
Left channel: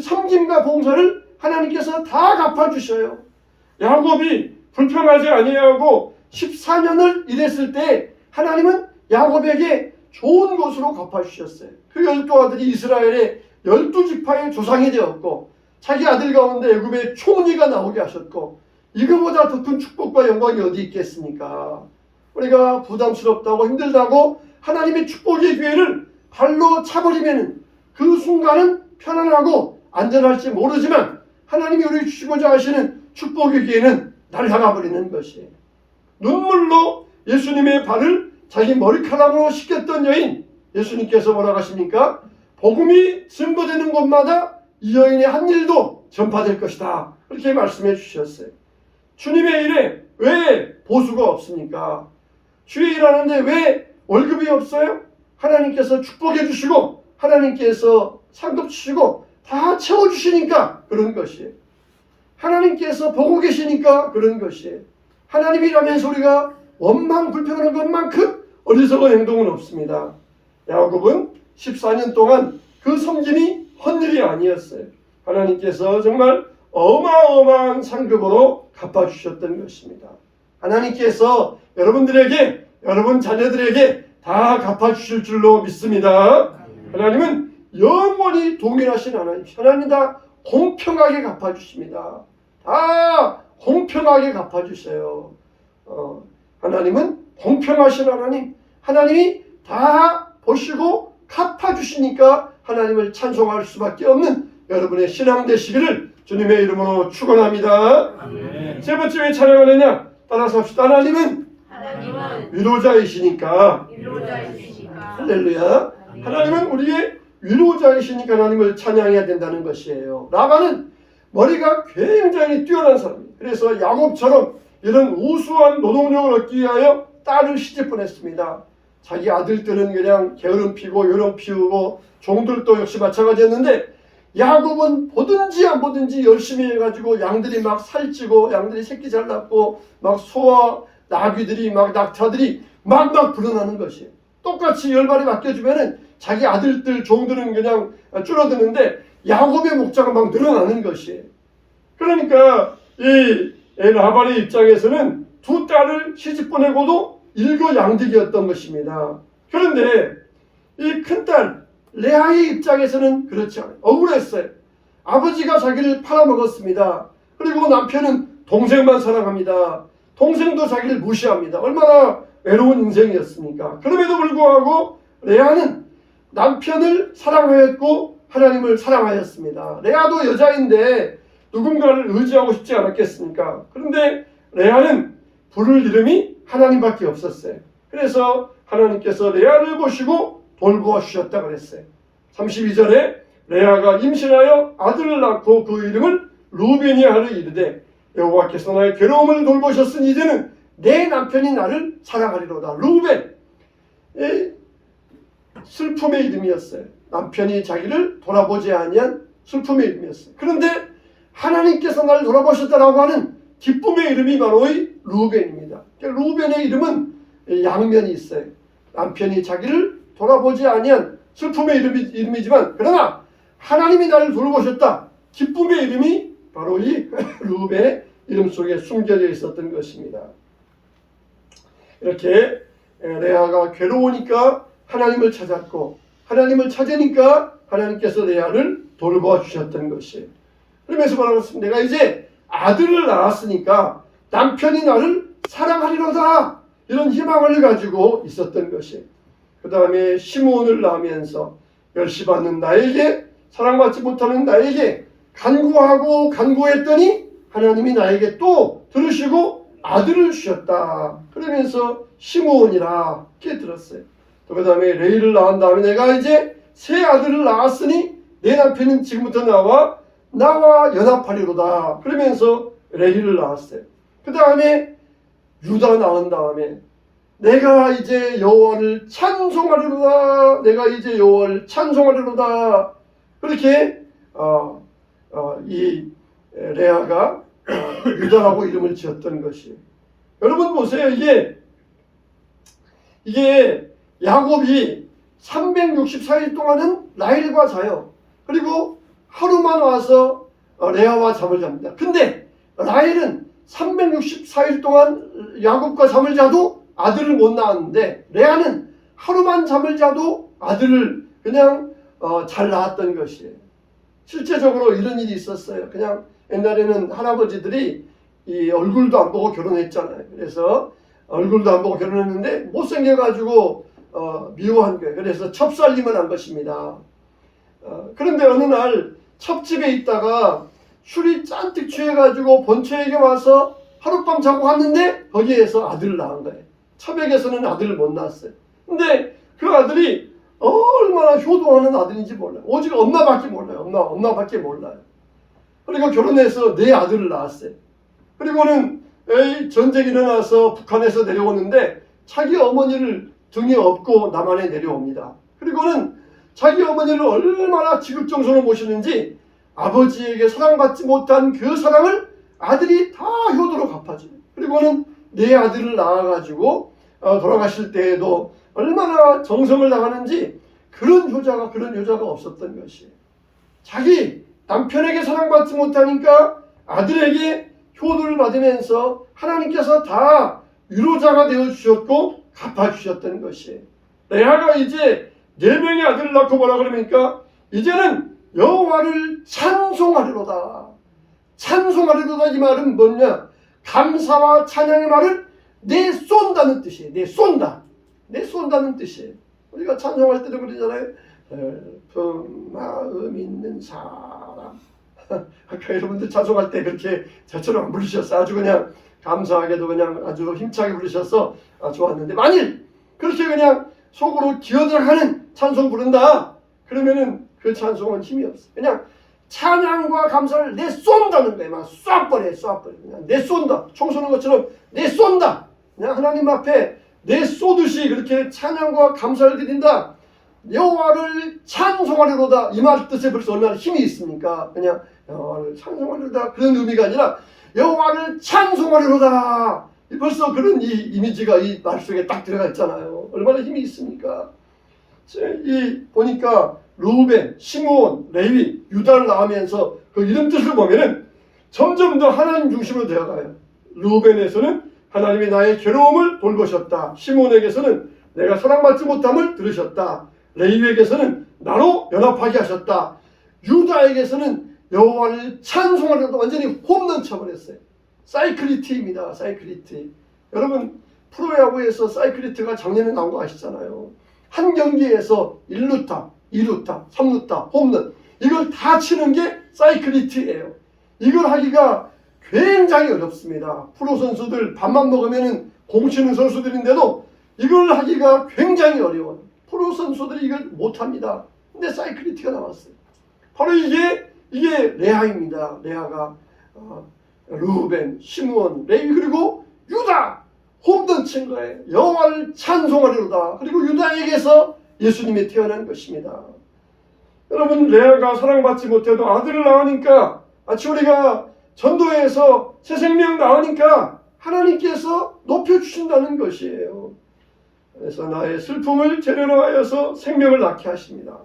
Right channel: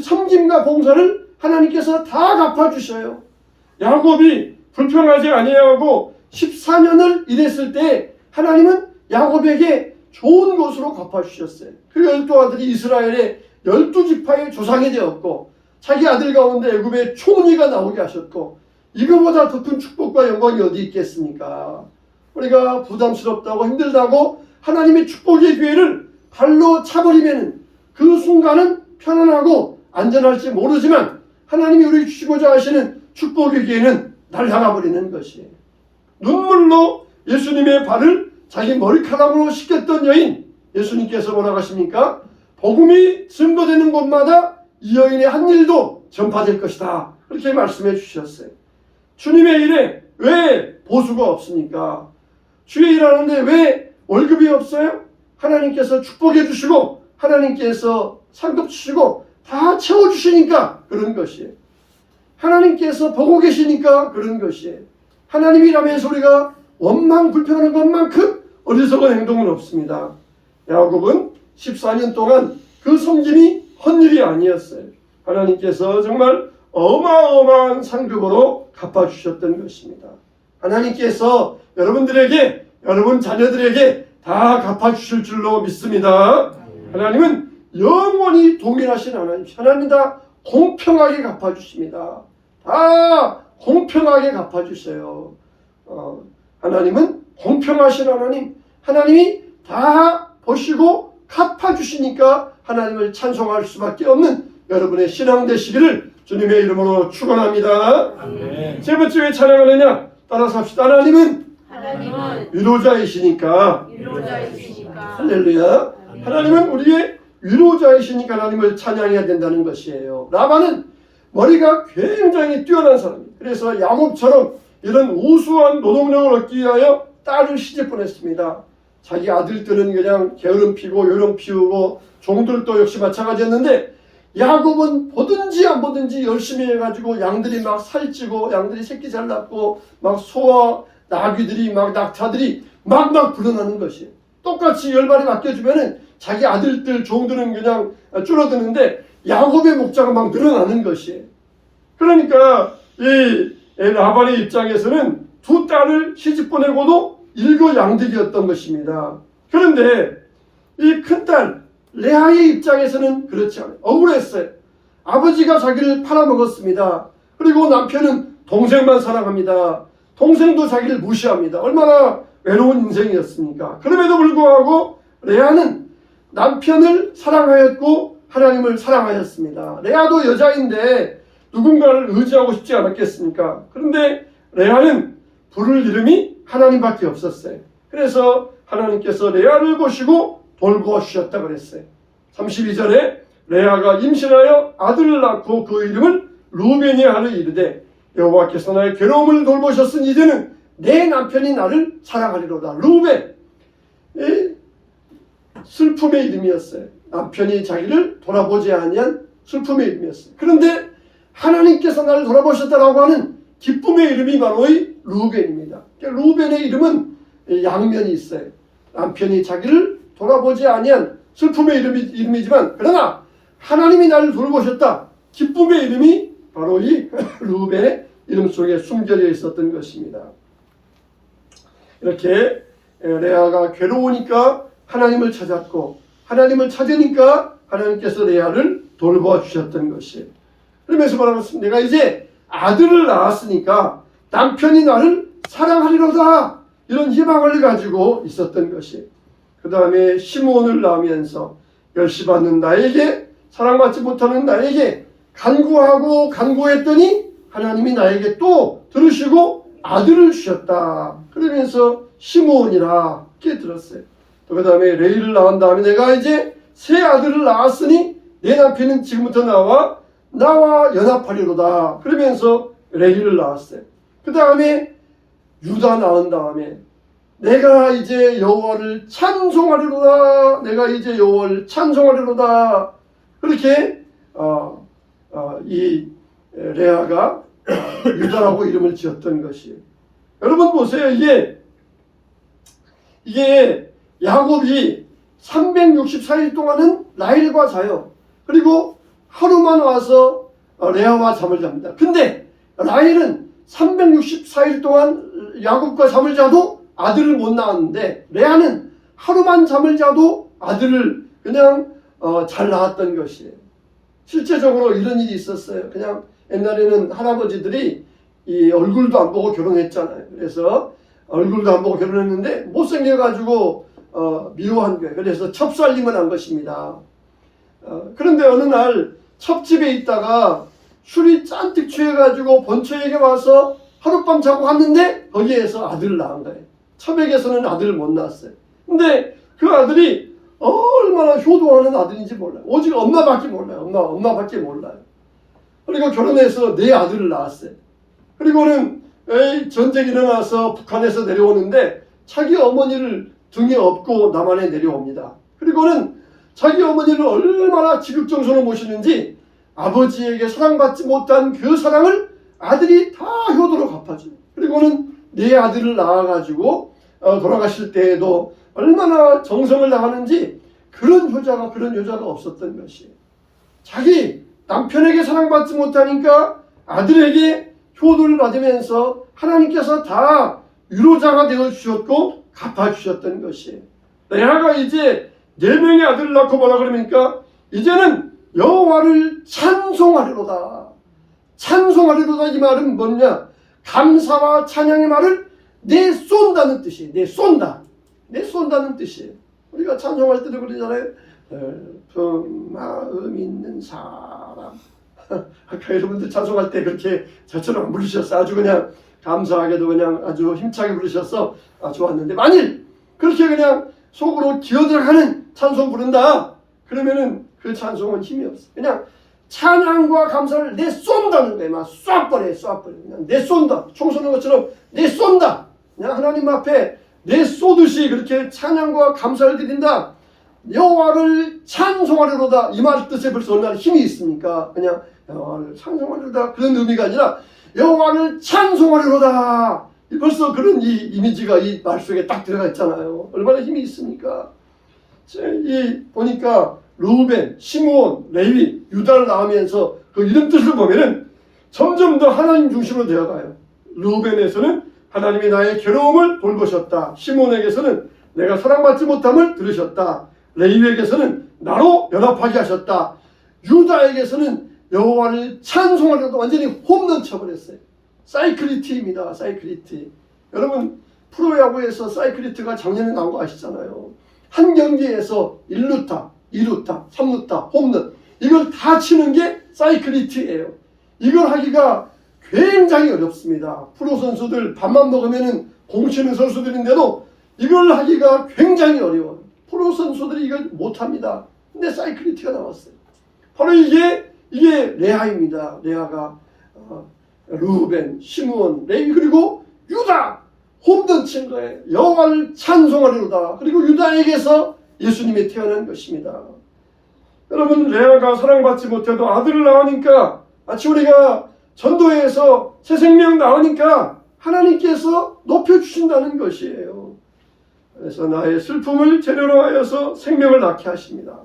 섬김과 봉사를 하나님께서 다 갚아주셔요. 야곱이 불평하지 아니하고 14년을 일했을 때 하나님은 야곱에게 좋은 것으로 갚아주셨어요. 그 12아들이 이스라엘의 12지파의 조상이 되었고 자기 아들 가운데 애굽의 총리가 나오게 하셨고 이거보다 더 큰 축복과 영광이 어디 있겠습니까? 우리가 부담스럽다고 힘들다고 하나님의 축복의 기회를 발로 차버리면 그 순간은 편안하고 안전할지 모르지만 하나님이 우리 주시고자 하시는 축복의 기회는 날아가버리는 것이에요. 눈물로 예수님의 발을 자기 머리카락으로 씻겼던 여인, 예수님께서 뭐라고 하십니까? 복음이 증거되는 곳마다 이 여인의 한 일도 전파될 것이다. 그렇게 말씀해 주셨어요. 주님의 일에 왜 보수가 없습니까? 주의 일하는데 왜 월급이 없어요? 하나님께서 축복해 주시고 하나님께서 상급 주시고 다 채워주시니까 그런 것이에요. 하나님께서 보고 계시니까 그런 것이에요. 하나님이라면서 우리가 원망 불평하는 것만큼 어리석은 행동은 없습니다. 야곱은 14년 동안 그 섬김이 헛일이 아니었어요. 하나님께서 정말 어마어마한 상급으로 갚아주셨던 것입니다. 하나님께서 여러분들에게 여러분 자녀들에게 다 갚아주실 줄로 믿습니다. 하나님은 영원히 동일하신 하나님. 하나님 다 공평하게 갚아주십니다. 다 공평하게 갚아주세요. 하나님은 공평하신 하나님. 하나님이 다 보시고 갚아주시니까 하나님을 찬송할 수밖에 없는 여러분의 신앙 되시기를 주님의 이름으로 축원합니다. 세 번째 왜 찬양하느냐? 따라서 합시다. 하나님은 위로자이시니까. 할렐루야. 하나님은 우리의 위로자이시니까 하나님을 찬양해야 된다는 것이에요. 라반은 머리가 굉장히 뛰어난 사람이에요. 그래서 야곱처럼 이런 우수한 노동력을 얻기 위하여 딸을 시집 보냈습니다. 자기 아들들은 그냥 게으름 피고 요령 피우고 종들도 역시 마찬가지였는데 야곱은 보든지 안 보든지 열심히 해가지고 양들이 막 살찌고 양들이 새끼 잘 낳고 막 소와 나귀들이 막 낙타들이 막 불어나는 것이에요. 똑같이 10마리 맡겨주면은 자기 아들들 종들은 그냥 줄어드는데 야곱의 목자가 막 늘어나는 것이에요. 그러니까 이 라반의 입장에서는 두 딸을 시집 보내고도 일거양득이었던 것입니다. 그런데 이 큰딸 레아의 입장에서는 그렇지 않아요. 억울했어요. 아버지가 자기를 팔아먹었습니다. 그리고 남편은 동생만 사랑합니다. 동생도 자기를 무시합니다. 얼마나 외로운 인생이었습니까? 그럼에도 불구하고 레아는 남편을 사랑하였고 하나님을 사랑하였습니다. 레아도 여자인데 누군가를 의지하고 싶지 않았겠습니까? 그런데 레아는 부를 이름이 하나님밖에 없었어요. 그래서 하나님께서 레아를 보시고 돌보아주셨다고 그랬어요. 32절에 레아가 임신하여 아들을 낳고 그 이름을 루벤이라 하려 이르되 여호와께서 나의 괴로움을 돌보셨으니 이제는 내 남편이 나를 사랑하리로다. 루벤, 슬픔의 이름이었어요. 남편이 자기를 돌아보지 아니한 슬픔의 이름이었어요. 그런데 하나님께서 나를 돌아보셨다라고 하는 기쁨의 이름이 바로 이 루벤입니다. 루벤의 이름은 양면이 있어요. 남편이 자기를 돌아보지 아니한 슬픔의 이름이지만 그러나 하나님이 나를 돌보셨다. 기쁨의 이름이 바로 이 르우벤의 이름 속에 숨겨져 있었던 것입니다. 이렇게 레아가 괴로우니까 하나님을 찾았고, 하나님을 찾으니까 하나님께서 레아를 돌보아주셨던 것이에요. 그러면서 뭐라고 했습니까? 내가 이제 아들을 낳았으니까 남편이 나를 사랑하리로다, 이런 희망을 가지고 있었던 것이에요. 그 다음에 시므온을 낳으면서 멸시받는 나에게, 사랑받지 못하는 나에게 간구하고 간구했더니 하나님이 나에게 또 들으시고 아들을 주셨다. 그러면서 시므온이라 깨달았어요. 또 그 다음에 레이를 낳은 다음에 내가 이제 새 아들을 낳았으니 내 남편은 지금부터 나와 연합하리로다. 그러면서 레이를 낳았어요. 그 다음에 유다 낳은 다음에 내가 이제 여호와를 찬송하리로다. 내가 이제 여호와를 찬송하리로다. 그렇게 이 레아가 유다라고 이름을 지었던 것이에요. 여러분 보세요. 이게 야곱이 364일 동안은 라헬과 자요. 그리고 하루만 와서 레아와 잠을 잡니다. 근데 라헬은 364일 동안 야곱과 잠을 자도 아들을 못 낳았는데, 레아는 하루만 잠을 자도 아들을 그냥 잘 낳았던 것이에요. 실제적으로 이런 일이 있었어요. 그냥 옛날에는 할아버지들이 이 얼굴도 안 보고 결혼했잖아요. 그래서 얼굴도 안 보고 결혼했는데 못생겨가지고 미워한 거예요. 그래서 첩살림을 한 것입니다. 그런데 어느 날 첩집에 있다가 술이 잔뜩 취해가지고 본처에게 와서 하룻밤 자고 갔는데 거기에서 아들을 낳은 거예요. 첩에게서는 아들을 못 낳았어요. 근데 그 아들이 얼마나 효도하는 아들인지 몰라요. 오직 엄마밖에 몰라요. 엄마밖에 몰라요. 그리고 결혼해서 4아들을 낳았어요. 그리고는 전쟁이 일어나서 북한에서 내려오는데 자기 어머니를 등에 업고 남한에 내려옵니다. 그리고는 자기 어머니를 얼마나 지극정성으로 모시는지 아버지에게 사랑받지 못한 그 사랑을 아들이 다 효도로 갚아줘요. 그리고는 4아들을 낳아가지고 돌아가실 때에도 얼마나 정성을 다하는지 그런 효자가 없었던 것이에요. 자기 남편에게 사랑받지 못하니까 아들에게 효도를 받으면서 하나님께서 다 위로자가 되어주셨고 갚아주셨던 것이에요. 레아가 이제 4명의 아들을 낳고 뭐라 그러니까 이제는 여호와를 찬송하리로다. 찬송하리로다, 이 말은 뭐냐? 감사와 찬양의 말을 내쏜다는 뜻이에요. 내쏜다는 뜻이에요. 우리가 찬송할 때도 그러잖아요. 마음 있는 사람. 아까 여러분들 찬송할 때 그렇게 저처럼 안 부르셨어. 아주 그냥 감사하게도 그냥 아주 힘차게 부르셔서 좋았는데, 만일 그렇게 그냥 속으로 기어들어가는 찬송 부른다 그러면은 그 찬송은 힘이 없어. 그냥 찬양과 감사를 내쏜다는 거예요. 막 쏴버려. 그냥 내쏜다. 총 쏘는 것처럼 내쏜다. 그냥 하나님 앞에 내쏘듯이 그렇게 찬양과 감사를 드린다. 여호와를 찬송하리로다. 이 말 뜻에 벌써 얼마나 힘이 있습니까? 그냥 여호와를 찬송하리로다 그런 의미가 아니라 여호와를 찬송하리로다. 벌써 그런 이 이미지가 이 말 속에 딱 들어가 있잖아요. 얼마나 힘이 있습니까? 보니까 르우벤, 시므온, 레위, 유다를 낳으면서 그 이름 뜻을 보면은 점점 더 하나님 중심으로 되어가요. 르우벤에서는 하나님의 나의 괴로움을 돌보셨다. 시므온에게서는 내가 사랑받지 못함을 들으셨다. 레위에게서는 나로 연합하게 하셨다. 유다에게서는 여호와를 찬송하려고 완전히 홈런 쳐버렸어요. 사이클리트입니다. 사이클리트. 여러분 프로야구에서 사이클리트가 작년에 나온 거 아시잖아요. 한 경기에서 1루타, 2루타, 3루타, 홈런 이걸 다 치는 게 사이클리트예요. 이걸 하기가 굉장히 어렵습니다. 프로 선수들 밥만 먹으면 공 치는 선수들인데도 이걸 하기가 굉장히 어려워요. 프로 선수들이 이걸 못합니다. 근데 사이클리트가 나왔어요. 바로 이게 레아입니다. 레아가 르우벤, 시므온, 레위 그리고 유다 홈런 친 거예요. 여호와를 찬송하리로다. 그리고 유다에게서 예수님이 태어난 것입니다. 여러분 레아가 사랑받지 못해도 아들을 낳으니까 우리가 전도회에서 새 생명 낳으니까 하나님께서 높여주신다는 것이에요. 그래서 나의 슬픔을 재료로 하여서 생명을 낳게 하십니다.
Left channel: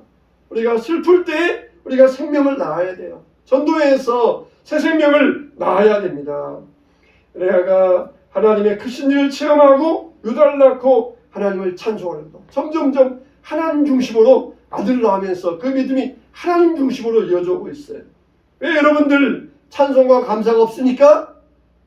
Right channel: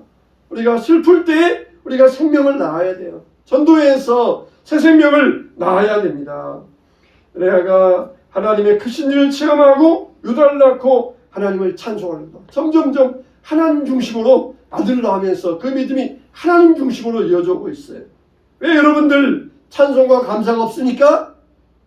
우리가 슬플 때 우리가 생명을 낳아야 돼요. 전도회에서 새 생명을 낳아야 됩니다. 레아가 하나님의 크신 일을 체험하고 유다를 낳고 하나님을 찬송하려고 점점점 하나님 중심으로 아들을 낳으면서 그 믿음이 하나님 중심으로 이어져 오고 있어요. 왜 여러분들 찬송과 감사가 없으니까?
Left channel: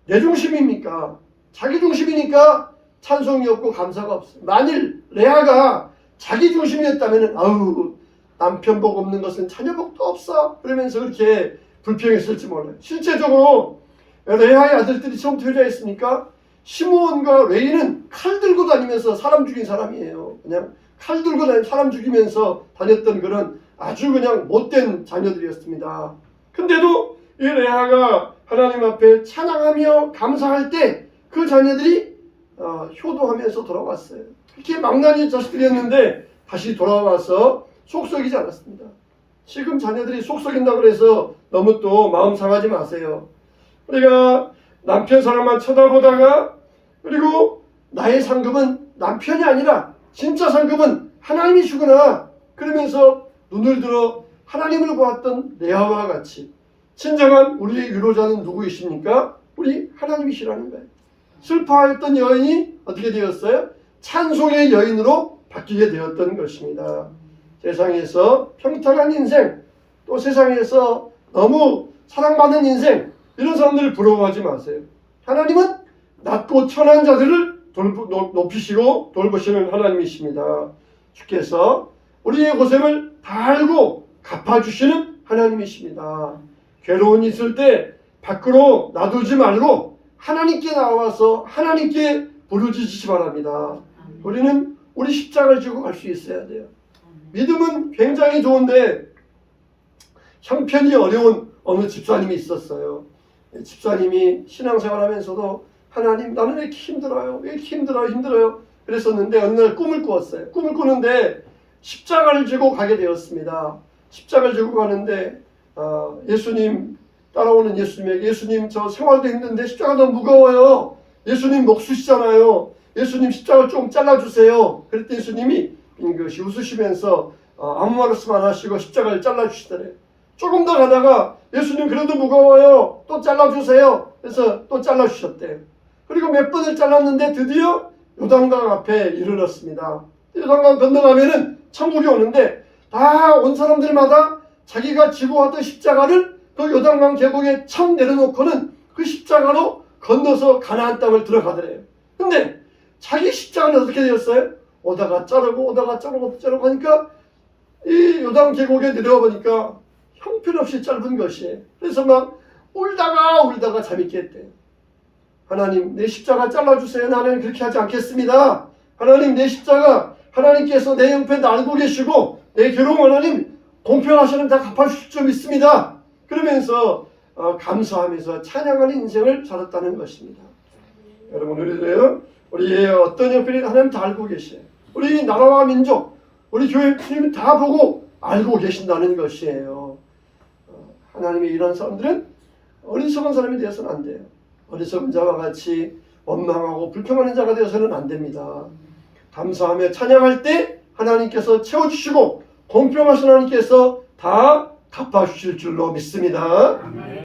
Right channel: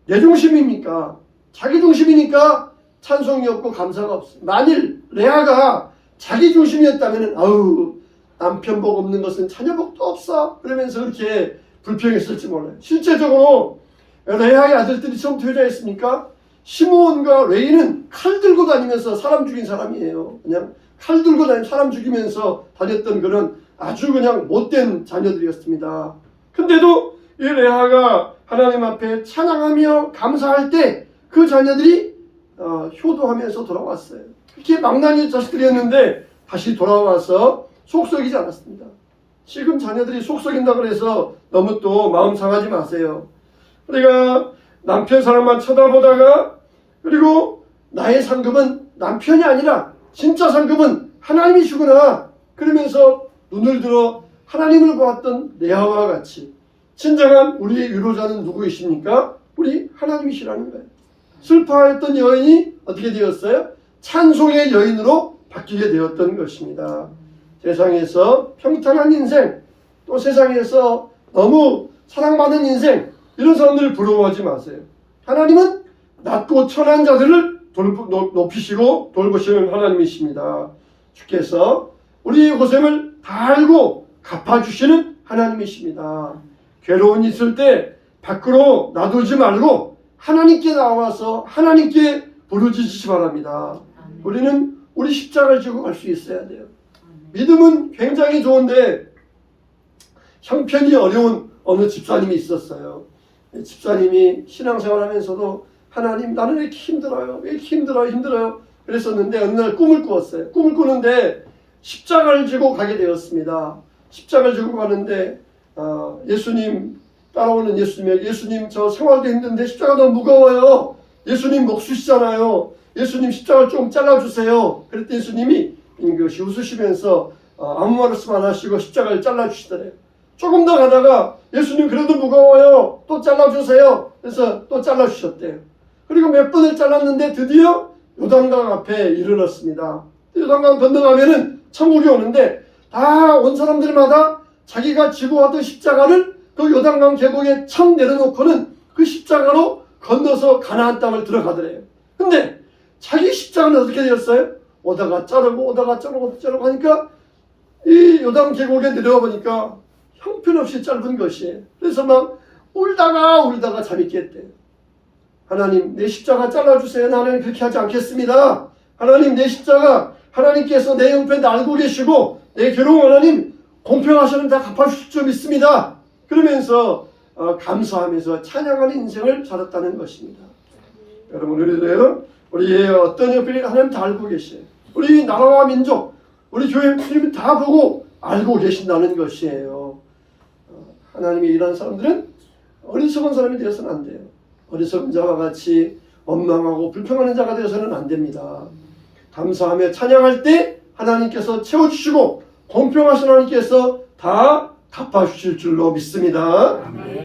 내 중심입니까? 자기 중심이니까 찬송이 없고 감사가 없어요. 만일 레아가 자기 중심이었다면 아우 남편 복 없는 것은 자녀 복도 없어 그러면서 그렇게 불평했을지 몰라요. 실제적으로 레아의 아들들이 처음 투자했습니까? 시므온과 레위는 칼 들고 다니면서 사람 죽인 사람이에요. 그냥 칼 들고 다니면서 사람 죽이면서 다녔던 그런 아주 그냥 못된 자녀들이었습니다. 근데도 이 레아가 하나님 앞에 찬양하며 감사할 때 그 자녀들이 효도하면서 돌아왔어요. 그렇게 망나니 자식들이었는데 다시 돌아와서 속썩이지 않았습니다. 지금 자녀들이 속썩인다고 해서 너무 또 마음 상하지 마세요. 우리가 남편 사랑만 쳐다보다가 그리고 나의 상급은 남편이 아니라 진짜 상급은 하나님이시구나 그러면서 눈을 들어 하나님을 보았던 레아와 같이 진정한 우리의 위로자는 누구이십니까? 우리 하나님이시라는 거예요. 슬퍼했던 여인이 어떻게 되었어요? 찬송의 여인으로 바뀌게 되었던 것입니다. 세상에서 평탄한 인생 또 세상에서 너무 사랑받는 인생 이런 사람들을 부러워하지 마세요. 하나님은 낮고 천한 자들을 높이시고 돌보시는 하나님이십니다. 주께서 우리의 고생을 다 알고 갚아주시는 하나님이십니다. 괴로운 있을 때 밖으로 놔두지 말고 하나님께 나와서 하나님께 부르짖으시기 바랍니다. 우리는 우리 십자가를 지고 갈 수 있어야 돼요. 믿음은 굉장히 좋은데 형편이 어려운 어느 집사님이 있었어요. 집사님이 신앙생활 하면서도 하나님 나는 왜 이렇게 힘들어요? 왜 이렇게 힘들어요? 그랬었는데 어느 날 꿈을 꾸었어요. 꿈을 꾸는데 십자가를 지고 가게 되었습니다. 십자가를 지고 가는데 예수님 따라오는 예수님에게 예수님 저 생활도 힘든데 십자가 너무 무거워요. 예수님 목수시잖아요. 예수님 십자가를 좀 잘라주세요. 그랬더니 예수님이 빙긋이 웃으시면서 아무 말씀 안 하시고 십자가를 잘라주시더래요. 조금 더 가다가 예수님 그래도 무거워요. 또 잘라주세요. 그래서 또 잘라주셨대요. 그리고 몇 번을 잘랐는데 드디어 요단강 앞에 이르렀습니다. 요단강 건너가면은 천국이 오는데 다 온 사람들마다 자기가 지고 왔던 십자가를 그 요단강 계곡에 청 내려놓고는 그 십자가로 건너서 가나안 땅을 들어가더래요. 근데 자기 십자가는 어떻게 되었어요? 오다가 자르고 하니까 이 요단 계곡에 내려와 보니까 형편없이 짧은 것이에요. 그래서 막 울다가 잠이 깼대요. 하나님 내 십자가 잘라주세요. 나는 그렇게 하지 않겠습니다. 하나님 내 십자가 하나님께서 내 형편 알고 계시고 내 괴로움 하나님 공평하시는 다 갚아주실 줄 믿습니다. 그러면서 감사하면서 찬양하는 인생을 살았다는 것입니다. 여러분 우리들은 우리의 어떤 형편이 하나님 다 알고 계셔요. 우리 나라와 민족 우리 교회 주님 다 보고 알고 계신다는 것이에요. 하나님의 이런 사람들은 어리석은 사람이 되어서는 안 돼요. 어리석은 자와 같이 원망하고 불평하는 자가 되어서는 안 됩니다. 감사하며 찬양할 때 하나님께서 채워주시고 공평하신 하나님께서 다 갚아주실 줄로 믿습니다.